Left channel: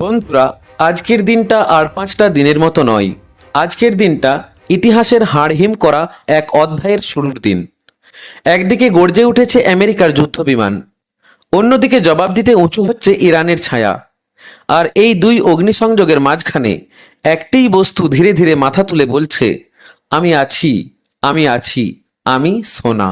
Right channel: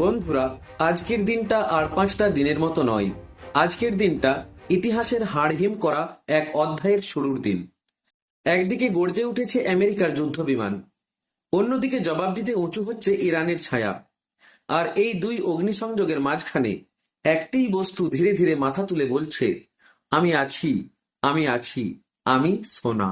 বন্ধুরা, আজকের দিনটা আর পাঁচটা দিনের মতো নয়। আজকের দিনটা ইতিহাসের হাড়হিম করা এক অধ্যায়ের শুরুর দিন। একদিকে গর্জে উঠেছে আমেরিকার যুদ্ধ বিমান অন্যদিকে জবাব দিতে উঁচু হচ্ছে ইরানের ছায়া। আর এই দুই অগ্নিসংযোগের মাঝখানে একটিই বস্তু ধীরে ধীরে মাথা তুলে বলছে, আমি আছি আমি আছি, আমি সোনা।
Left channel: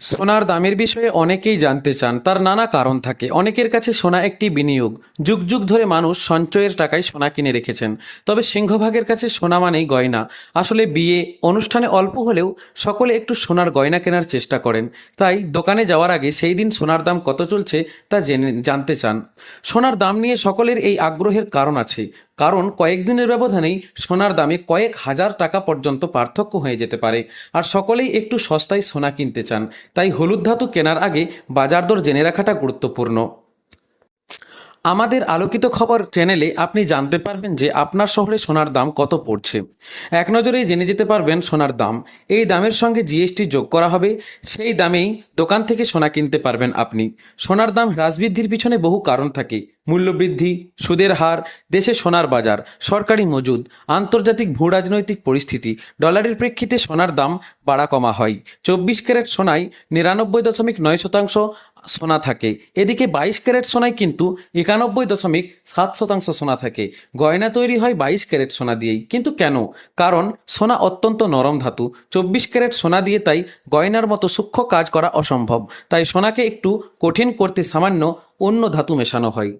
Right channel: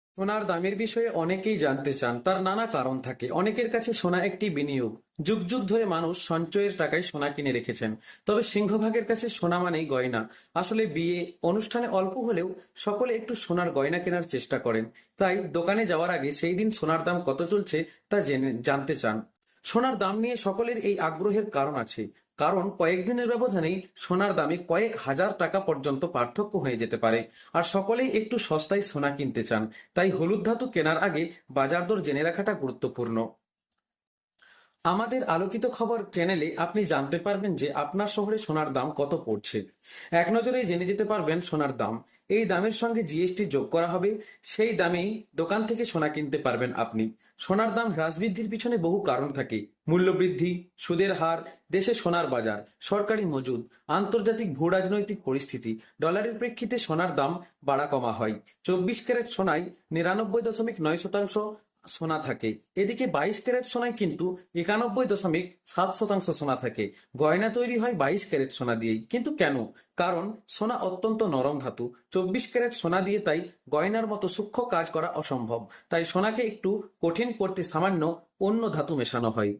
সোনার দামের বিষয়ে অনেকেই জানতে চান, তার নানা কারণ থাকে। অনেকের কাছে সোনা একটি বিনিয়োগ। যুগ যুগ ধরে মানুষ সঞ্চয়ের টাকায় সোনা কিনে রেখেছেন। তবে সিংহভাগের কাছে সোনা মানেই গয়না। আসলে বিয়ে, অনুষ্ঠানে অল্প হলেও সকলে একটু সোনার গয়না কেনার চেষ্টা করেন। তাই দোকানে যাওয়ার আগে সেই দিন সোনার দাম কত চলছে তা জেনে, জানতে চান। সোনার দাম নিয়ে সকলের এই আগ্রহের কারণ আছে। কারণ কয়েকদিনের ব্যবধানেই সোনার দামে কয়েক হাজার টাকা পর্যন্ত পার্থক্য হয়ে যেতে পারে। আর সকলেই একটু সস্তায় সোনা কিনতে চান। তাই হলুদ ধাতু কেনার আগে বাজার দর জেনে রাখাটা গুরুত্বপূর্ণ। আমাদের আলোকিত খবর চ্যানেলে আপনি জানতে পারবেন যে আপনার শহরে সোনার দাম কত পড়ছে। এক নজরেই জেনে যেতে পারবেন সোনার দাম। এই দামের সঙ্গে জিএসটি যোগ করা হবে। সেই দামেই দোকান থেকে সোনা কিনতে পারবেন আপনি। সোনার দাম হ্রাস বৃদ্ধির পিছনে বহু কারণ থাকে। মূল্যবৃদ্ধি সুদের হার, দেশে সোনার বাজার, সরকারি মজুদ, আন্তর্জাতিক ভূ রাজনৈতিক পরিস্থিতি, ডলারের প্রেক্ষিতে সোনার দাম বাড়া কমা হয়। চব্বিশ ক্যারেট সোনায় নিরানব্বই দশমিক নয় শতাংশ সোনা থাকে। এদিকে বাইশ ক্যারেট সোনায় কিন্তু একানব্বই দশমিক সাত শতাংশ সোনা থাকে। গয়না তৈরি হয় বাইশ ক্যারেট সোনা দিয়েই। কিন্তু কেন? কারণ সোনা অত্যন্ত নরম ধাতু। চব্বিশ ক্যারেট সোনা দিয়ে তাই গয়নার মতো সূক্ষ্ম কাজ করা অসম্ভব। তাই সোনাকে একটু কঠিন করতে সামান্য অন্য ধাতু মেশানো হয়।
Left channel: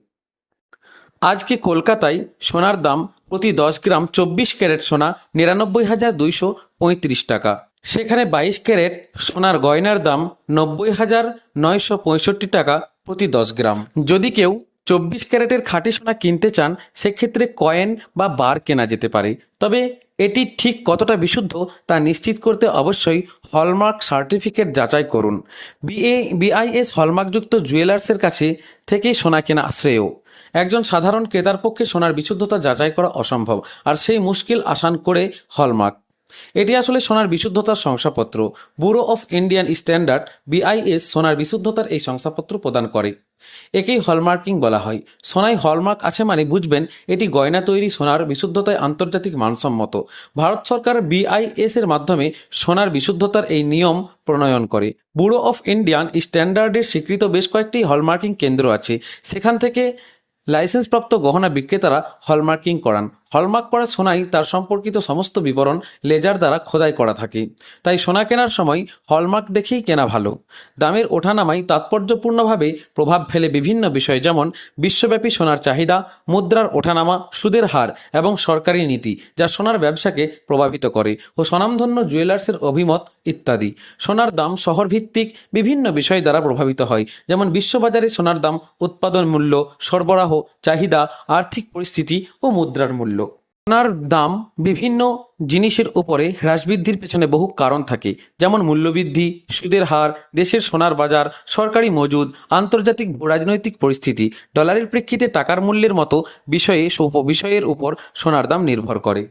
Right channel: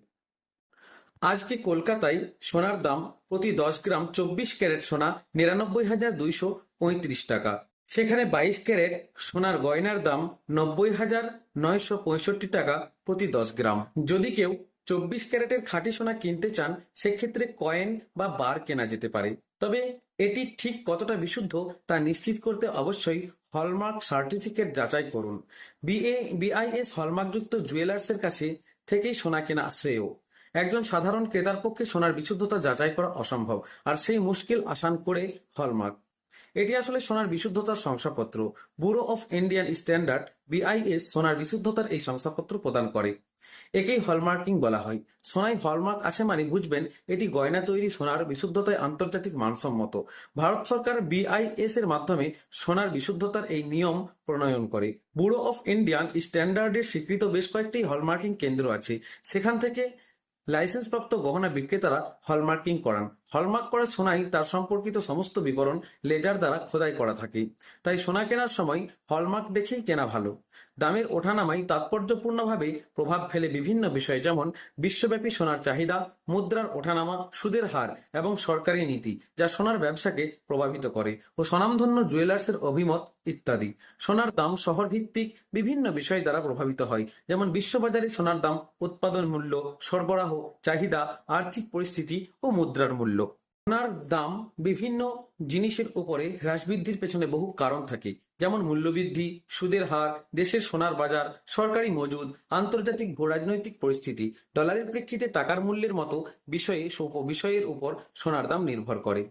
আজকে কলকাতায় সোনার দাম প্রতি দশ গ্রাম চব্বিশ ক্যারেট সোনা নিরানব্বই হাজার দুইশো পঁয়ত্রিশ টাকা। সেখানে বাইশ ক্যারেট সোনার গয়নার দাম নব্বই হাজার নয়শো পঁয়ষট্টি টাকা প্রতি দশ গ্রাম। যদি কেউ চব্বিশ ক্যারেটের খাঁটি সোনা কিনতে চান, সেক্ষেত্রে কয়েন বা বার কেনা যেতে পারে। তবে এটি ঠিক কতটা বিশুদ্ধ তা নিশ্চিত করতে অবশ্যই হলমার্ক সার্টিফিকেট যাচাই করুন। বিএ, বিআইএস হলমার্কযুক্ত জুয়েলার্সের কাছে থেকেই সোনা কেনা শ্রেয় একজন সাধারণ ক্রেতার পক্ষে সোনার বিশুদ্ধতা যাচাই করা অসম্ভব, আর সেই মুশকিল আসান করে হলমার্ক। এটি আসলে সোনার বিশুদ্ধতার শংসাপত্র। Bureau of Indian standard, BIS, সোনার বিশুদ্ধতার এই শংসাপত্র প্রদান করে। একেই হলমার্কিং বলা হয়। সোনায় হলমার্ক আছে মানে বুঝবেন, এটি গয়না তৈরি সোনার বিশুদ্ধতায় আন্তর্জাতিক মানসম্মত। ভারত সরকার বিআইএস এর মাধ্যমে সোনার বিশুদ্ধতার এই নিয়ম প্রণয়ন করে। ব্যুরো অফ ইন্ডিয়ান স্ট্যান্ডার্ডের স্বীকৃত বেশ কয়েকটি হলমার্কিং কেন্দ্র আছে। সেখান থেকে লাইসেন্সপ্রাপ্ত গহনা বিক্রেতারা হলমার্কিং করান। হলমার্ক করা সোনাই তার সম্পর্কিত সমস্ত বিবরণ লেজার দ্বারা খোদাই করা থাকে। তাই সোনা কেনার সময় হলমার্ক দেখেই কেনা ভালো। দামের ওঠানামাই তাৎপর্যপূর্ণভাবে প্রভাব ফেলে বিভিন্ন বিষয় যেমন বিশ্বব্যাপী সোনার চাহিদা, মুদ্রার ওঠানামা, সুদের হার এবং সরকারি নীতি, যা সোনার ব্যবসাকে প্রভাবিত করে ও স্বনামধন্য জুয়েলার্সের অভিমত ইত্যাদি। সোনার দাম শহরভিত্তিক বিভিন্ন বিষয় দ্বারা প্রভাবিত হয়, যেমন বিশ্ববাজারে সোনার দাম, উৎপাদন মূল্য, সরবরাহ চাহিদা, আর্থিক পরিস্থিতি ও মুদ্রার মূল্য। সোনার দাম বিভিন্ন জিনিসের উপরে হ্রাস বৃদ্ধির পেছনে বহু কারণ থাকে। যেমন মূল্যবৃদ্ধি, সুদের হার, দেশের সোনার বাজার, সরকারি মজুদ, আন্তর্জাতিক রাজনৈতিক পরিস্থিতি, ডলারের প্রেক্ষিতে টাকার মূল্যের মতো বিষয়ে বিষয়ের উপর সোনার দাম নির্ভর করে।